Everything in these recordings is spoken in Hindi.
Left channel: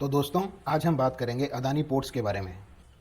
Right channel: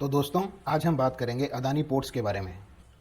तो दोस्तों, आज हम बात करेंगे अदानी पोर्ट्स के बारे में।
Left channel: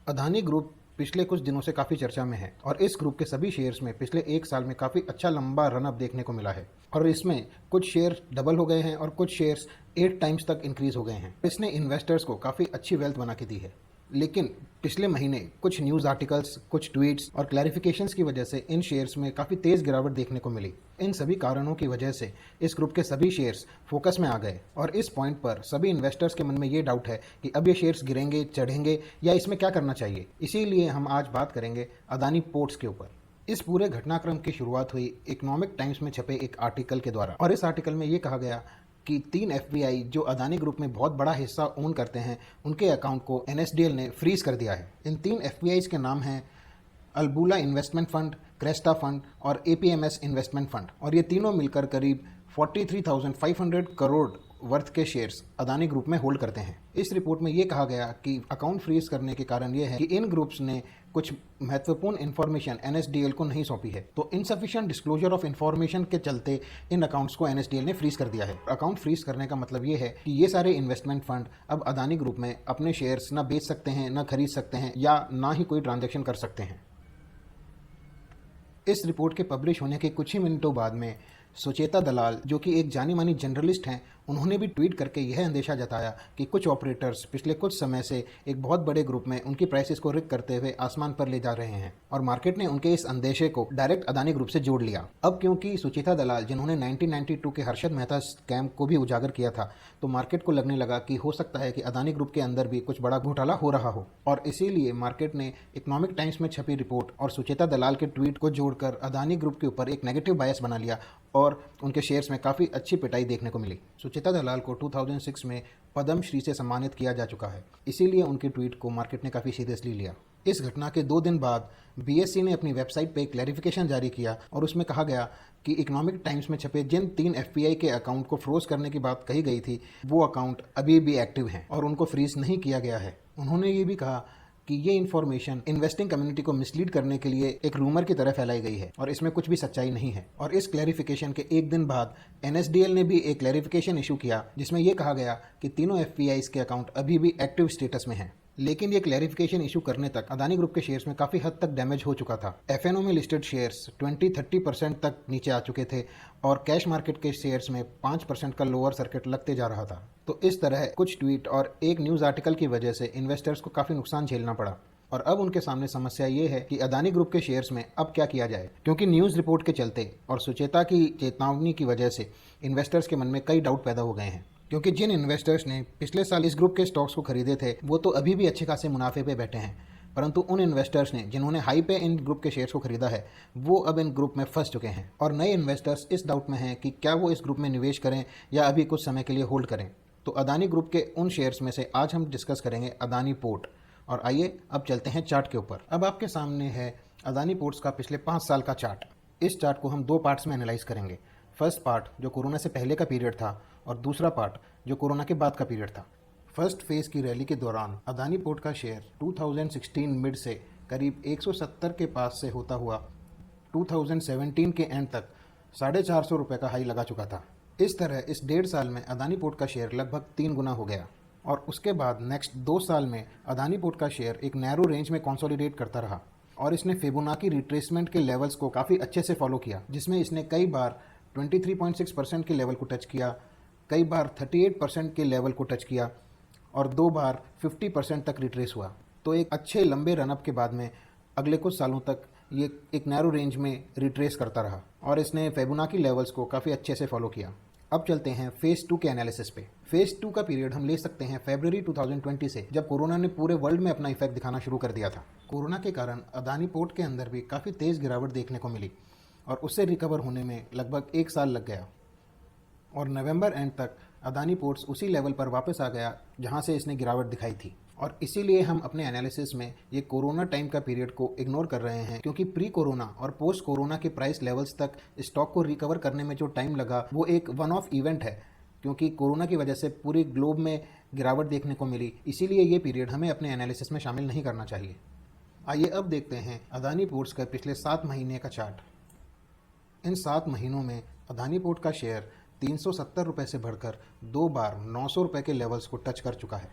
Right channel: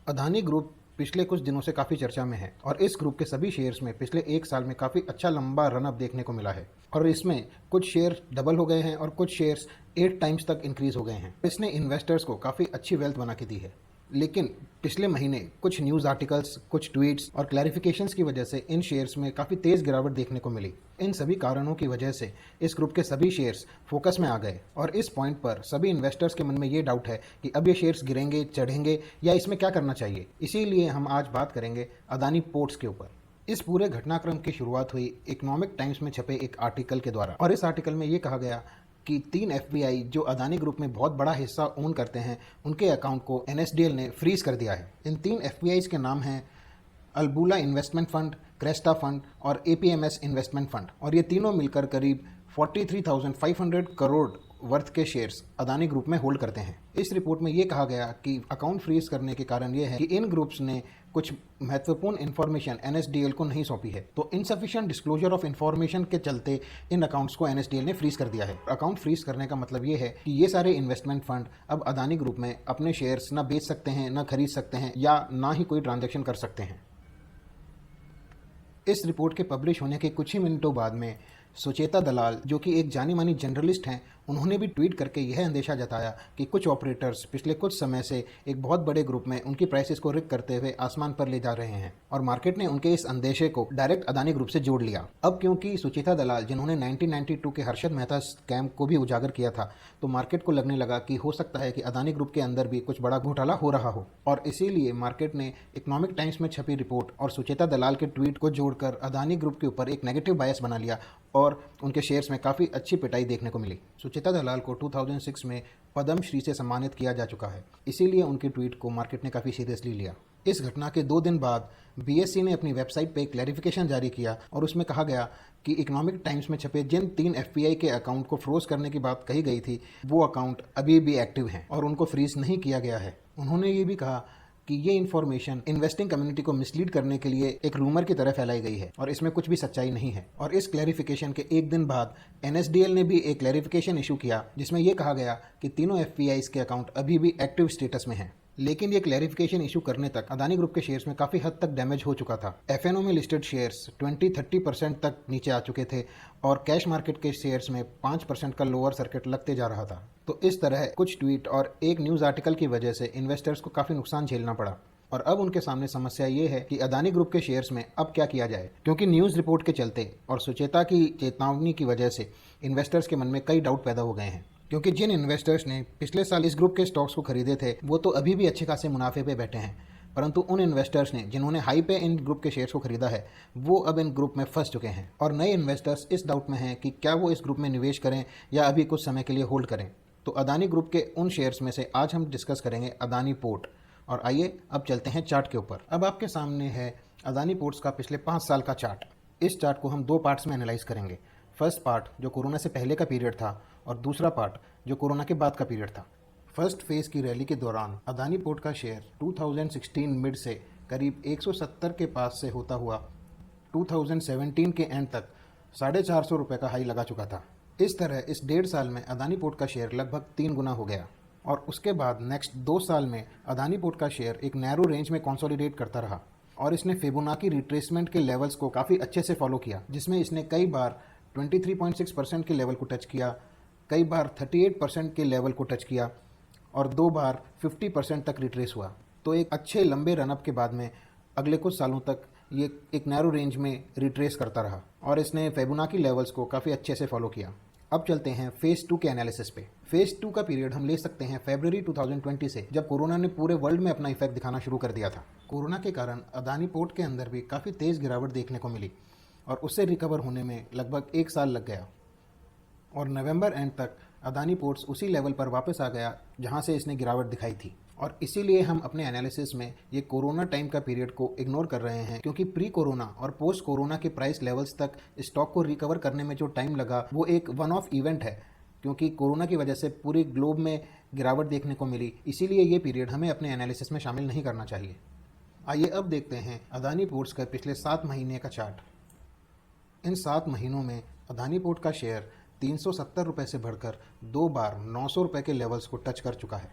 अदानी ग्रुप पिछले कुछ दिनों से काफ़ी चर्चा में है और इस ग्रुप के सभी शेयर्स में पिछले एक साल में काफ़ी अच्छा लंबा रन अप देखने को मिला है और इसमें कुछ शेयर डबल हो गए हैं और कुछ शेयर्स 8 टाइम्स तक इंक्रीज हो गए हैं। इसने इन्वेस्टर्स को काफ़ी अच्छी वेल्थ बना के दी है। लेकिन पिछले महीने कुछ न्यूज़ आर्टिकल्स, कुछ ट्वीट्स और क्लैरिफिकेशंस की वजह से इन शेयर्स में काफ़ी तेज़ गिरावट देखने को मिली। इन सभी कारणों की वजह से इस ग्रुप के सभी शेयर्स फोकस में आ गए और इस पॉइंट पर सभी इन्वेस्टर्स के मन में ये डाउट है कि अब ये शेयर्स गिरेंगे, चढ़ेंगे या इसमें क्या करना चाहिए। इसीलिए हम आज बात करेंगे अदानी पोर्ट्स के ऊपर। इस पूरे घटनाक्रम की शुरुआत हुई इकोनॉमिक टाइम्स में छपे एक आर्टिकल के द्वारा और इस आर्टिकल में ये कहा गया कि 3 एफपीआई जो अदानी ग्रुप में बहुत बड़ा हिस्सा ओन करते हैं, उनके अकाउंट को एनएसडीएल ने फ्रीज कर दिया है। इन 3 एफपीआईज के नाम हैं Albula investment fund, Cresta fund और एपीएमएस इन्वेस्टमेंट फंड और ये तीनों मिलकर करीब 43,500 करोड़ वर्थ के शेयर्स अदानी ग्रुप में होल्ड करते हैं। इस रिपोर्ट में ये कहा गया कि अकाउंट फ्रीज करने के कारण ये है कि इन ग्रुप्स ने कुछ महत्वपूर्ण इन्फॉर्मेशन एनएसडीएल को नहीं सौंपी है, तो इनसफिशिएंट डिस्क्लोजर ऑफ इन्फॉर्मेशन के चलते इन अकाउंट्स को एनएसडीएल ने फ्रीज कर दिया है। अकाउंट फ्रीज करने का मतलब ये है कि ये सारे इन्वेस्टमेंट फंड अब अदानी ग्रुप में अपने शेयर्स ना बेच सकते हैं, ना खरीद सकते हैं या ना ही कोई ट्रांजेक्शन कर सकते हैं। इस रिपोर्ट के पब्लिश होने के कुछ ही मिनटों बाद में सुचेता दलाल, जो कि एक जानी मानी जर्नलिस्ट हैं, उन्होंने भी ट्वीट करके यह अंदेशा जताया कि कुछ ऑपरेटर्स पिछले कुछ समय से एक बहुत बड़े ग्रुप में उनकी प्राइसेस को रिग करते हुए आसमान पर ले जा रहे हैं और मार्केट ने उनके इस अंदेशे को डायरेक्ट अदानी ग्रुप से जोड़ लिया। अब क्योंकि सुचेता दलाल, जिन्होंने 1992 के हर्षद मेहता स्कैम को भी उजागर किया था, तो मार्केट को लगने लगा कि हो सकता है कि अदानी ग्रुप के अंदर भी कुछ बड़ा घोटाला हो रहा हो और इसीलिए मार्केट ने इकोनॉमिक टाइम्स में छपी रिपोर्ट और सुचेता दलाल के ट्वीट को जोड़कर अदानी ग्रुप के ऊपर एक नेगेटिव बायस बना लिया और उनके शेयर्स में काफ़ी अच्छी पिटाई देखने को मिली। सुचेता दलाल को 2006 में पद्म श्री से सम्मानित किया जा चुका है, इसीलिए उनके ट्वीट को मार्केट ने काफ़ी सीरियसली लिया। इस घटना के 2 दिन बाद बीएसई ने अपनी वेबसाइट पे क्लैरिफिकेशन जारी किया और उसमें कहा गया कि इकोनॉमिक टाइम्स में छपे जिन 3 एफपीआई के अकाउंट को फ्रोज करने की बात कही गई थी, वो अकाउंट अभी भी एक्टिव हैं और उनको फ्रीज नहीं किया गया है। उन्होंने ये भी कहा कि ये इन्फॉर्मेशन इन्वेस्टिंग कम्युनिटी को मिसलीड करने के लिए एक रूमर की तरह फैलाई गई है और इसमें कुछ भी सच्चाई नहीं है। और इस क्लैरिफिकेशन के एक दिन बाद एनएसडीएल ने भी एक क्लैरिफिकेशन इशू किया जिसमें यह कहा गया कि तीनों एफपीआईज के अकाउंट अभी भी एक्टिव स्टेटस में हैं। लेकिन ये क्लैरिफिकेशन इशू करने तक अदानी ग्रुप के शेयर्स में काफ़ी हद तक डैमेज हो चुका था। एफएनओ में लिस्टेड शेयर्स 20-30% तक नीचे आ चुके थे और कैश मार्केट के शेयर्स में 5% का लोअर सर्किट लगते जा रहा था। तो इस तरह कुछ ट्वीट और एक न्यूज़ आर्टिकल की वजह से इन्वेस्टर्स को काफ़ी नुकसान झेलना पड़ा और अब उनके सामने समस्या ये है कि अदानी ग्रुप के शेयर्स में अब क्या किया जाए, क्योंकि न्यूज़ रिपोर्ट के चलते और सुचेता की चेतावनी की वजह से इन्वेस्टर्स के मन में कई डाउट पैदा हो गए हैं। क्योंकि जिन इन्वेस्टर्स ने पिछले साल इस ग्रुप के स्टॉक्स को खरीदे थे, वो तो अभी भी अच्छे खासे मुनाफे पे बैठे हैं, परंतु उन इन्वेस्टर्स ने जिन्होंने हाई पे इन ग्रुप के शेयर्स को खरीदा है, वो अब इन ग्रुप में फंस चुके हैं और नए इन्वेस्टर्स इस डाउट में हैं कि क्या वो इस ग्रुप में निवेश करें या अभी कुछ समय के लिए होल्ड करें। तो अदानी ग्रुप के उन शेयर्स में से आज हम डिस्कस करेंगे अदानी पोर्ट। और आइए अब चलते हैं चार्ट के ऊपर। अब आपके सामने है अदानी पोर्ट्स का पिछले 5 साल का चार्ट। इस चार्ट को हम 2 पार्ट्स में एनालाइज करेंगे। फर्स्ट पार्ट जो कोरोना से पहले का पीरियड था और दूसरा पार्ट जो कोरोना के बाद का पीरियड था। फर्स्ट फेज की रैली के दौरान अदानी पोर्ट का शेयर 2016 मिड से करीब 170 के पास से होता हुआ 2017 के एंड तक 450 रुपये का हाई लगा चुका था। इस तरह इस 1.5 साल में अदानी पोर्ट का शेयर लगभग 3 गुना हो गया और उसके बाद नेक्स्ट 2 साल में अदानी पोर्ट का शेयर एक नैरो रेंज में कंसोलिडेट करता रहा और इसने फिबोनाची रिट्रेसमेंट के लेवल्स को काफ़ी अच्छे से फॉलो किया, जिसमें इसने कई बार 23.6% के लेवल को टच किया, कई बार 38% के लेवल को टच किया और 2 बार 50% तक रिट्रेस हुआ। तो एक अच्छे लंबे रनअप के बाद में अगले कुछ सालों तक ये एक नैरो रेंज में रिट्रेस करता रहा और इसने फिबोनाची लेवल्स को काफ़ी अच्छे से फॉलो किया। अब चलते हैं फेज 2 के एनालिसिस पे। फेज 2 का पीरियड हम ले सकते हैं फरवरी 2020 से, जब कोरोना ने पूरे वर्ल्ड में अपना इफेक्ट दिखाना शुरू कर दिया था। कोरोना के कारण अदानी पोर्ट के अंदर भी काफ़ी तेज़ गिरावट देखने को मिली और उससे रिकवर होने में लगभग 1 साल लग गया और नवंबर एंड तक अदानी पोर्ट्स उसी लेवल पर वापस आ गया जहां से इसने गिरावट दिखाई थी। और इसीलिए हम अपने एनालिसिस में ये कोरोना टाइम का पीरियड को इग्नोर कर रहे हैं, क्योंकि प्री कोरोना और पोस्ट कोरोना के प्राइस लेवल्स तक स्टॉक को रिकवर करने में जो टाइम लगा वो एक वन ऑफ इवेंट है, क्योंकि कोरोना की वजह से पूरे ग्लोब में गिरावट देखने को मिली। इसीलिए ये पीरियड हमें अपने एनालिसिस में शामिल नहीं करना चाहिए। आइए अब देखते हैं अदानी पोर्ट्स के पिछले 7 महीने का चार्ट। इन 7 महीनों में अदानी पोर्ट का शेयर 370 रुपये से बढ़कर 2 बार 900 रुपये के लेवल्स को टच कर चुका है।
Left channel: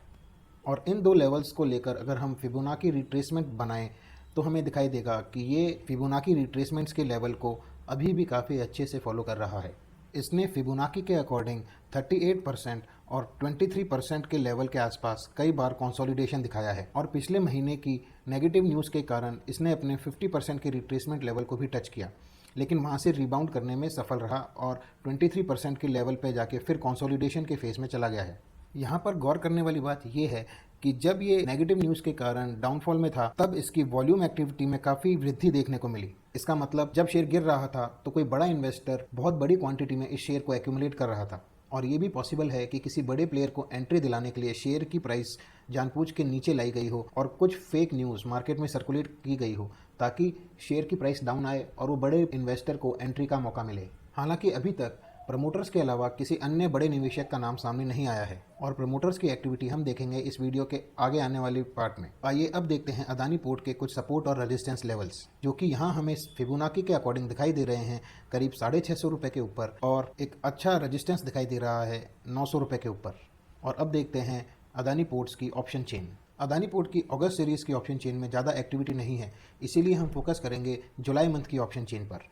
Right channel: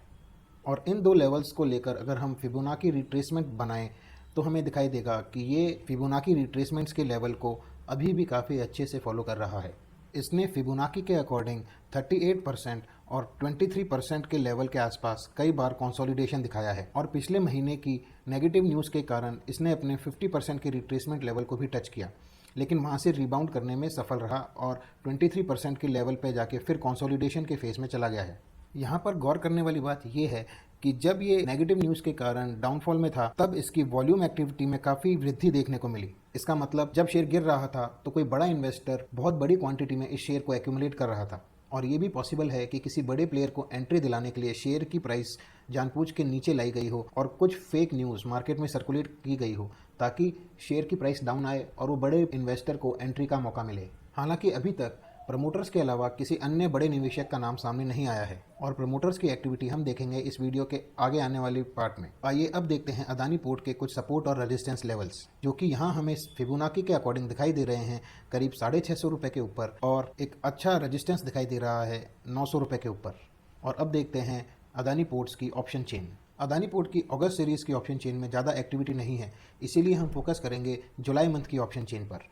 और इन दो लेवल्स को लेकर अगर हम फिबोनाची रिट्रेसमेंट बनाएं तो हमें दिखाई देगा कि ये फिबोनाची रिट्रेसमेंट्स के लेवल को अभी भी काफ़ी अच्छे से फॉलो कर रहा है। इसने फिबोनाची के अकॉर्डिंग 38% और 23% के लेवल के आसपास कई बार कंसोलिडेशन दिखाया है और पिछले महीने की नेगेटिव न्यूज़ के कारण इसने अपने 50% के रिट्रेसमेंट लेवल को भी टच किया, लेकिन वहाँ से रिबाउंड करने में सफल रहा और 23% के लेवल पे जाके फिर कंसोलिडेशन के फेज में चला गया है। यहाँ पर गौर करने वाली बात यह है कि जब ये नेगेटिव न्यूज़ के कारण डाउनफॉल में था तब इसकी वॉल्यूम एक्टिविटी में काफ़ी वृद्धि देखने को मिली। इसका मतलब जब शेयर गिर रहा था तो कोई बड़ा इन्वेस्टर बहुत बड़ी क्वांटिटी में इस शेयर को एक्यूमुलेट कर रहा था और ये भी पॉसिबल है कि किसी बड़े प्लेयर को एंट्री दिलाने के लिए शेयर की प्राइस जानबूझ के नीचे लाई गई हो और कुछ फेक न्यूज़ मार्केट में सर्कुलेट की गई हो ताकि शेयर की प्राइस डाउन आए और वो बड़े इन्वेस्टर को एंट्री का मौका मिले। हालांकि अभी तक प्रमोटर्स के अलावा किसी अन्य बड़े निवेशक का नाम सामने नहीं आया है और प्रमोटर्स की एक्टिविटी हम देखेंगे इस वीडियो के आगे आने वाली पार्ट में। आइए अब देखते हैं अदानी पोर्ट के कुछ सपोर्ट और रेजिस्टेंस लेवल्स, जो कि यहाँ हमें फिबोनाची के अकॉर्डिंग दिखाई दे रहे हैं करीब 650 रुपये के ऊपर और एक अच्छा रेजिस्टेंस दिखाई दे रहा है 900 रुपये के ऊपर। और अब देखते हैं अदानी पोर्ट्स की ऑप्शन चेन। अदानी पोर्ट की अगस्त सीरीज़ की ऑप्शन चेन में ज़्यादा एक्टिविटी नहीं है, इसीलिए हम फोकस करेंगे जुलाई मंथ की ऑप्शन चेन पर।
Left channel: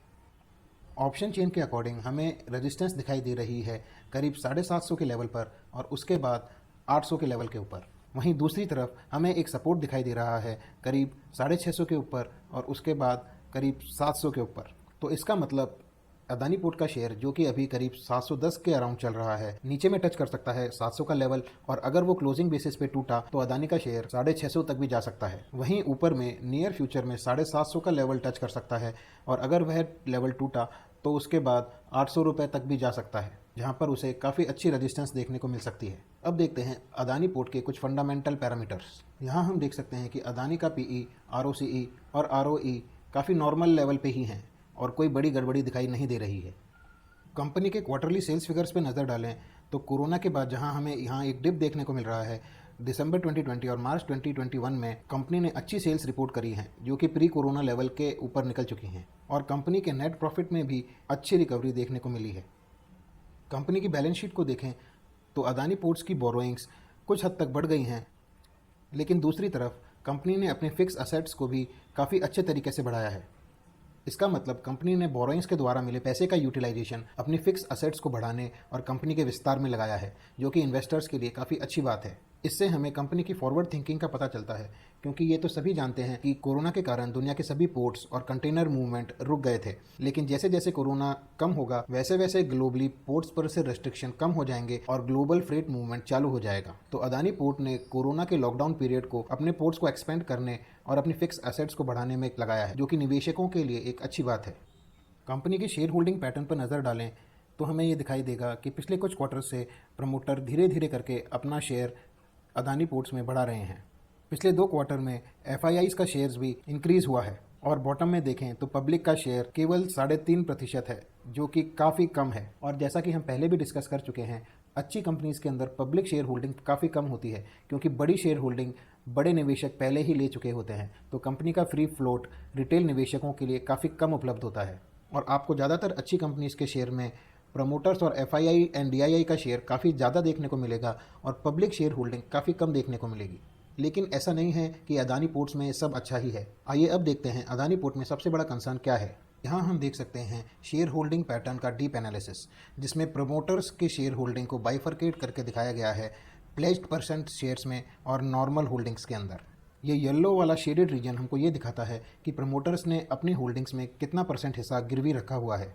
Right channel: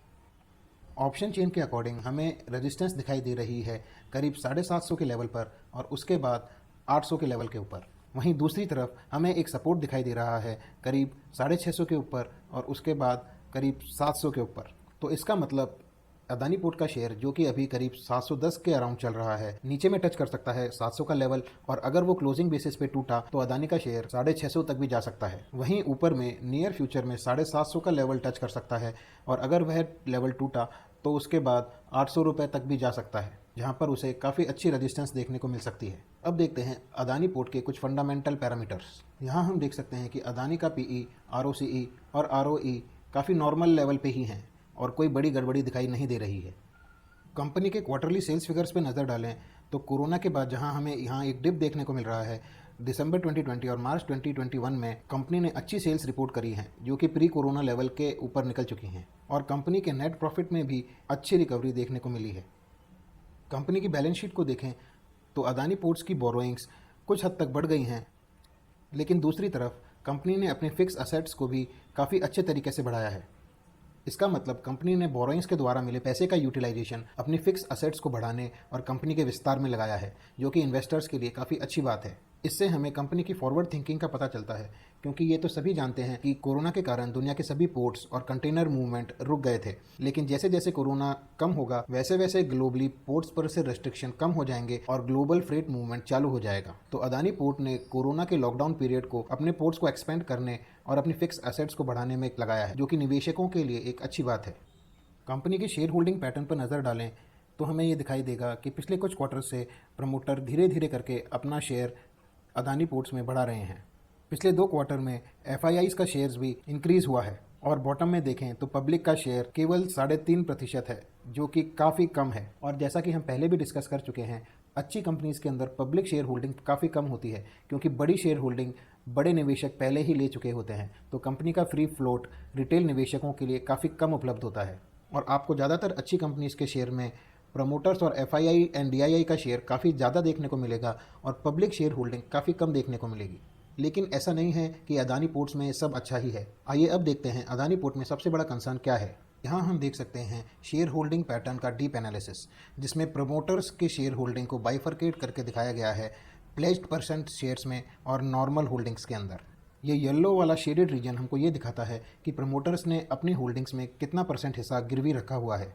ऑप्शन चेन के अकॉर्डिंग हमें रेजिस्टेंस दिखाई दे रही है करीब 750 के लेवल पर और उसके बाद 800 के लेवल के ऊपर। वहीं दूसरी तरफ हमें एक सपोर्ट दिखाई दे रहा है करीब 650 के ऊपर और उसके बाद करीब 700 के ऊपर। तो इसका मतलब अदानी पोर्ट का शेयर जो कि अभी करीब 710 के अराउंड चल रहा है, नीचे में टच कर सकता है 700 का लेवल और अगर वो क्लोजिंग बेसिस पे टूटा तो अदानी का शेयर 650 तक भी जा सकता है। वहीं ऊपर में नियर फ्यूचर में 750 का लेवल टच कर सकता है और अगर वह लेवल टूटा तो उसके बाद 800 रुपये तक भी जा सकता है, जहां पर उसे काफ़ी अच्छी रेजिस्टेंस देखने को मिल सकती है। अब देखते हैं अदानी पोर्ट के कुछ फंडामेंटल पैरामीटर्स। यहाँ हम देख सकते हैं कि अदानी का पीई, आरओसीई और आरओई काफ़ी नॉर्मल लेवल पे ही हैं और कोई बड़ी गड़बड़ी दिखाई नहीं दे रही है। कंपनी के क्वार्टरली सेल्स फिगर्स पे नज़र डालें तो कोरोना के बाद जहां हमें यहाँ एक डिप देखने को मिल रहा है, दिसंबर 2020 और मार्च 2021 में कंपनी ने अच्छी सेल्स रिपोर्ट करी हैं जो कि प्री कोरोना लेवल के ऊपर निकल चुकी हैं और कंपनी के नेट प्रॉफिट में भी अच्छी रिकवरी देखने को मिली है। कंपनी की बैलेंस शीट को देखें तो अदानी पोर्ट्स की बोरोइंग्स कुछ हद तक बढ़ गई हैं, लेकिन दूसरी तरफ कंपनी ने अपने फिक्स असेट्स को भी काफ़ी अच्छे तरीके से बढ़ाया है। इसका मतलब कंपनी ने बोरोइंग्स के द्वारा मिले पैसे का यूटिलाइजेशन अपने फिक्स असेट्स को बढ़ाने और कंपनी के विस्तार में लगाया है, जो कि इन्वेस्टर्स के लिए काफ़ी अच्छी बात है। इससे हमें कंपनी की फॉरवर्ड थिंकिंग का पता चलता है, क्योंकि ये तो सभी जानते हैं कि कोरोना के कारण दुनिया के सभी पोर्ट्स और कंटेनर मूवमेंट रुक गए थे, लेकिन जैसे जैसे कोरोना कम होगा वैसे वैसे ग्लोबली पोर्ट्स पर से रेस्ट्रिक्शन कम हो जाएंगे और ग्लोबल फ्रेट मूवमेंट चालू हो जाएगा। तो अदानी पोर्ट ने कोरोना के लॉकडाउन पीरियड को अपने पोर्ट्स को एक्सपेंड करने और अपनी फिक्स एसेट्स को बढ़ाने में लगाया है, जो कि निवेशकों के लिए एक अच्छी बात है। कंपनी के शेयर होल्डिंग पैटर्न पर नज़र डालें तो हमें ये दिखाई देगा कि पिछले कुछ क्वार्टर से प्रमोटर धीरे धीरे करके अपना शेयर अदानी पोर्ट्स में बढ़ा रहे हैं। पिछले 2 क्वार्टर में एफआईआईज का शेयर्स भी इंक्रीज हुआ है और बॉटम में देखें तो पब्लिक का शेयर केवल 3.5% है, जो कि काफ़ी कम है। और जैसा कि हम पहले भी डिस्कस कर चुके हैं, अच्छी कंपनीज के अंदर पब्लिक शेयर होल्डिंग काफ़ी कम होती है, क्योंकि बड़ी शेयर होल्डिंग बड़े निवेशक पहले ही ले चुके होते हैं, तो कंपनी का फ्री फ्लोट रिटेल निवेशकों के लिए काफ़ी कम उपलब्ध होता है। और आपको ज़्यादातर अच्छी कंपनीज के शेयर में प्रमोटर्स और एफआईआई एंड डीआईआई का शेयर काफ़ी ज़्यादा देखने को मिलेगा और पब्लिक शेयर होल्डिंग काफ़ी कम देखने को मिलेगी। लेकिन ऐसा नहीं है कि अदानी पोर्ट्स में सब अच्छा ही है। आइए अब देखते हैं अदानी पोर्ट में सबसे बड़ा कंसर्न क्या है। यहाँ हम देख सकते हैं शेयर होल्डिंग पैटर्न का डीप एनालिसिस, जिसमें प्रमोटर्स के शेयर होल्डिंग को बाइफरकेट करके दिखाया गया है प्लेस्ड परसेंट शेयर्स में और नॉर्मल होल्डिंग्स के अंदर। ये येलो वाला शेडेड रीजन हमको ये दिखाता है कि प्रमोटर्स ने अपनी होल्डिंग्स में कितना % हिस्सा गिरवी रखा हुआ है।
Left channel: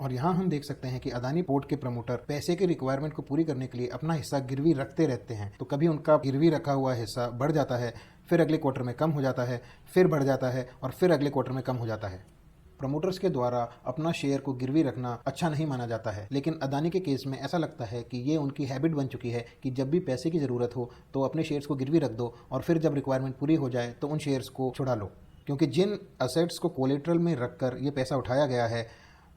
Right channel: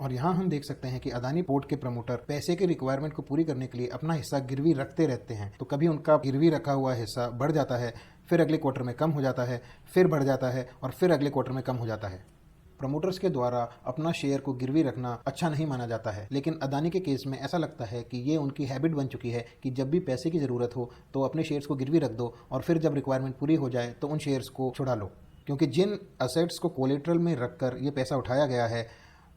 और यहाँ हम देख सकते हैं कि अदानी पोर्ट के प्रमोटर पैसे की रिक्वायरमेंट को पूरी करने के लिए अपना हिस्सा गिरवी रखते रहते हैं। तो कभी उनका गिरवी रखा हुआ हिस्सा बढ़ जाता है, फिर अगले क्वार्टर में कम हो जाता है, फिर बढ़ जाता है और फिर अगले क्वार्टर में कम हो जाता है। प्रमोटर्स के द्वारा अपना शेयर को गिरवी रखना अच्छा नहीं माना जाता है, लेकिन अदानी के केस में ऐसा लगता है कि ये उनकी हैबिट बन चुकी है कि जब भी पैसे की ज़रूरत हो तो अपने शेयर्स को गिरवी रख दो और फिर जब रिक्वायरमेंट पूरी हो जाए तो उन शेयर्स को छुड़ा लो। क्योंकि जिन असेट्स को कोलेटरल में रखकर ये पैसा उठाया गया है,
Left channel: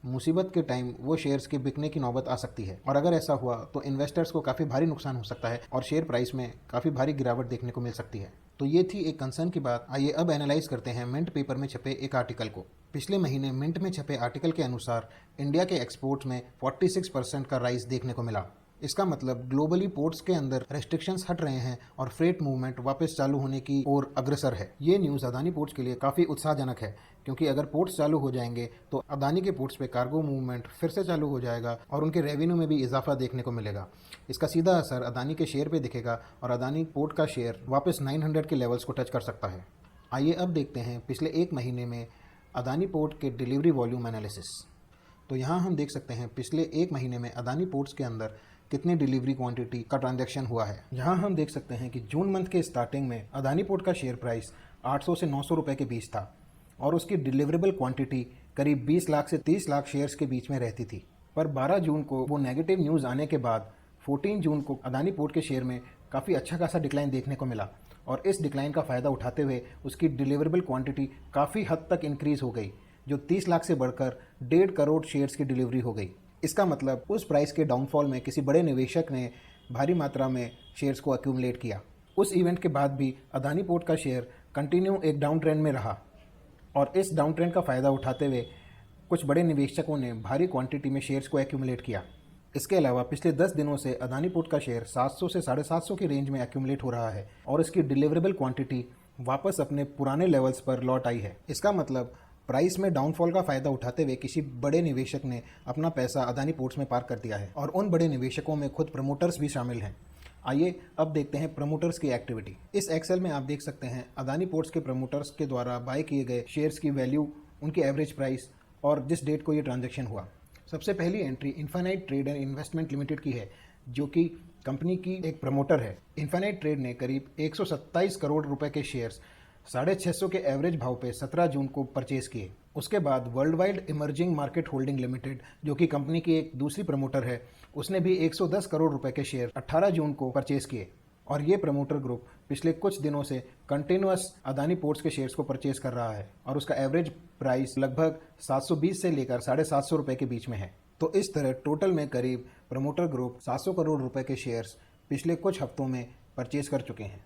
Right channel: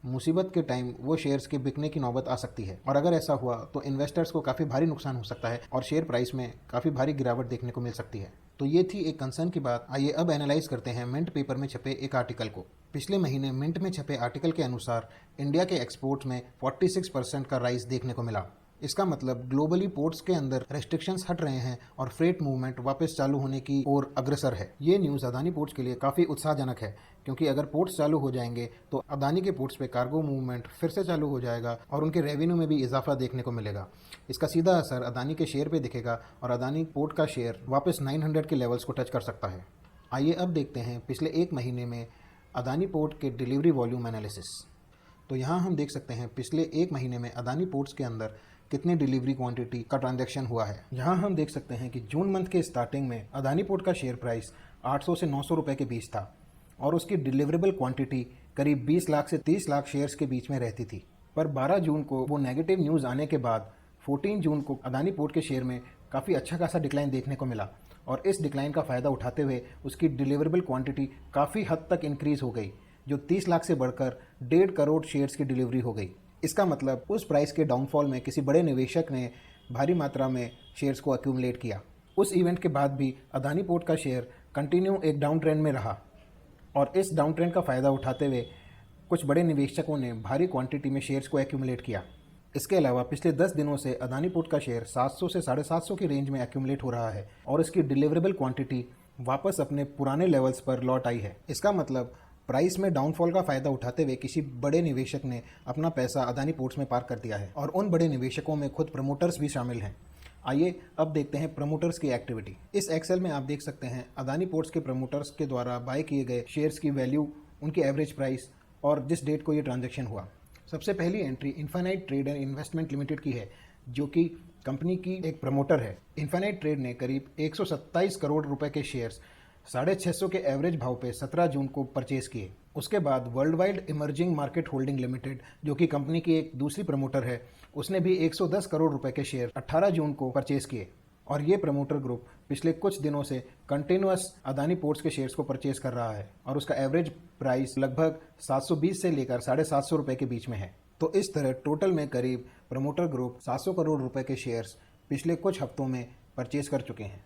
मुसीबत के टाइम वो शेयर्स के बिकने की नौबत आ सकती है और अगर ऐसा हुआ तो इन्वेस्टर्स को काफ़ी भारी नुकसान हो सकता है और शेयर प्राइस में काफ़ी भारी गिरावट देखने को मिल सकती है। तो ये थी एक कंसर्न की बात। आइए अब एनालाइज करते हैं मिंट पेपर में छपे एक आर्टिकल को। पिछले महीने मिंट में छपे आर्टिकल के अनुसार इंडिया के एक्सपोर्ट्स में 46% का राइज देखने को मिला। इसका मतलब ग्लोबली पोर्ट्स के अंदर रेस्ट्रिक्शंस हट रहे हैं और फ्रेट मूवमेंट वापस चालू होने की ओर अग्रसर है। ये न्यूज़ अदानी पोर्ट्स के लिए काफ़ी उत्साहजनक है, क्योंकि अगर पोर्ट्स चालू हो जाएंगे तो अदानी के पोर्ट्स पे कार्गो मूवमेंट फिर से चालू हो जाएगा और उनके रेवेन्यू में भी इजाफा देखने को मिलेगा। इसका सीधा असर अदानी के शेयर पे दिखेगा और अदानी पोर्ट का शेयर वापस 900 के लेवल्स को टच कर सकता है। आइए अब देखते हैं पिछले एक महीने में अदानी पोर्ट के डिलीवरी वॉल्यूम एनालिसिस। तो यहाँ हम देख सकते हैं पिछले एक महीने में अदानी पोर्ट्स के अंदर कितना डिलीवरी क्वांटिटी का ट्रांजैक्शन हुआ है। यहाँ हम देख सकते हैं कि जून मंथ के स्टार्टिंग में अदानी पोर्ट का शेयर प्राइस 800 से 900 रुपये के बीच था और उसकी डिलीवरेबल क्वांटिटी करीब 20 लाख से 30 लाख शेयर्स के बीच में रहती थी। पर 12 जून को वो नेगेटिव न्यूज़ आने के बाद 14 जून को अदानी पोर्ट के शेयर में काफ़ी अच्छा खासा डिक्लाइन देखने को मिला और इस डिक्लाइन का फ़ायदा उठाते हुए उसकी डिलीवरेबल क्वांटिटी काफ़ी हद तक इंक्रीज़ हो गई, जो 30 लाख से बढ़कर 1.5 करोड़ शेयर्स की डिलीवरी हो गई। इसका मतलब उस प्राइस के डाउनफॉल में किसी बड़े निवेशक ने भारी मात्रा में शेयर्स को एक्यूमुलेट किया। उस इवेंट के बाद भी अदानी पोर्ट का शेयर कंटिन्यू एक डाउन ट्रेंड में रहा और इस डाउन ट्रेंड का फ़ायदा उठाते हुए कुछ बड़े निवेशकों ने भारी क्वांटिटी में शेयर्स को एक्यूमुलेट किया। इसके अलावा पिछले 10 दिनों से अदानी पोर्ट का शेयर 700 से 750 की रेंज में एक्यूमुलेट हो रहा है और इसकी डिलीवरेबल क्वांटिटी वापस अपने पुराने लेवल्स पर लौट आई है। इसका मतलब प्राइस में डाउनफॉल का फायदा उठाते हुए किसी बड़े निवेशक ने अपना पैसा अदानी पोर्ट्स में पार्क कर दिया है और उन बड़े निवेशकों में खुद प्रमोटर्स भी शामिल हैं। आइए अब देखते हैं प्रमोटर्स की एक्टिविटी। इस एक्सेल में आप देख सकते हैं अदानी पोर्ट्स के प्रमोटर्स के द्वारा बाय किए गए शेयर्स की वैल्यू, उनकी एवरेज प्राइस और जिस डेट को ये ट्रांजैक्शन हुआ। सबसे पहली entry infinite trade and investment limited की है, जो कि कंपनी की एक प्रमोटर है। इन्फिनाइट ट्रेड ने करीब 127 करोड़ रुपए के शेयर्स 650 के एवरेज भाव पे 17 जून को परचेज किए। उसके बाद world wide emerging market holding limited, जो कि कंपनी की एक दूसरी प्रमोटर है, उसने भी 110 करोड़ रुपए के शेयर 18 जून को परचेज किए और ये प्रमोटर ग्रुप पिछले कुछ दिनों से कंटिन्यूअस अदानी पोर्ट्स के शेयर्स को परचेज कर रहा है और उसका एवरेज प्राइस लगभग 720 से लेकर 750 रुपए के बीच में है। तो इस तरह टोटल में करीब प्रमोटर ग्रुप 700 करोड़ रुपए के शेयर्स पिछले कुछ हफ्तों में परचेज कर चुके हैं।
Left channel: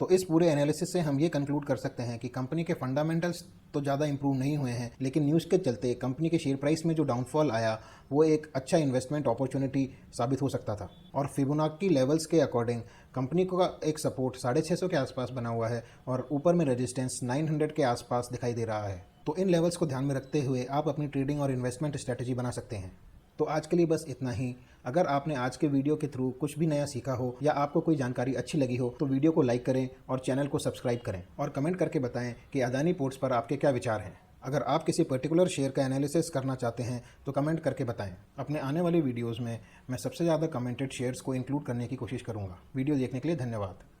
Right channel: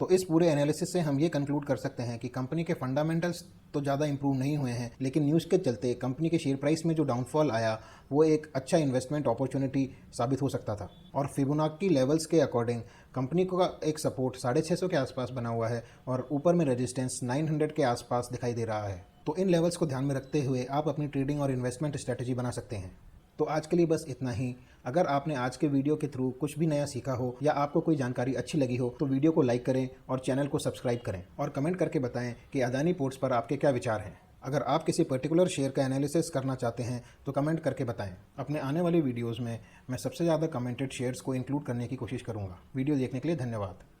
तो इस पूरे एनालिसिस से हम ये कंक्लूड कर सकते हैं कि कंपनी के फंडामेंटल्स तो ज़्यादा इंप्रूव नहीं हुए हैं, लेकिन न्यूज़ के चलते कंपनी के शेयर प्राइस में जो डाउनफॉल आया वो एक अच्छा इन्वेस्टमेंट अपॉर्चुनिटी साबित हो सकता था। और फिबोनाची लेवल्स के अकॉर्डिंग कंपनी को एक सपोर्ट 650 के आसपास बना हुआ है और ऊपर में रेजिस्टेंस 900 के आसपास दिखाई दे रहा है। तो इन लेवल्स को ध्यान में रखते हुए आप अपनी ट्रेडिंग और इन्वेस्टमेंट स्ट्रेटेजी बना सकते हैं। तो आज के लिए बस इतना ही। अगर आपने आज के वीडियो के थ्रू कुछ भी नया सीखा हो या आपको कोई जानकारी अच्छी लगी हो तो वीडियो को लाइक करें और चैनल को सब्सक्राइब करें और कमेंट करके बताएं कि अदानी पोर्ट्स पर आपके क्या विचार हैं। अगर आप किसी पर्टिकुलर शेयर का एनालिसिस करना चाहते हैं तो कमेंट करके बताएं। अपने आने वाले वीडियोज़ में मैं सबसे ज़्यादा कमेंटेड शेयर्स को इंक्लूड करने की कोशिश करूँगा। वीडियो देखने के लिए धन्यवाद।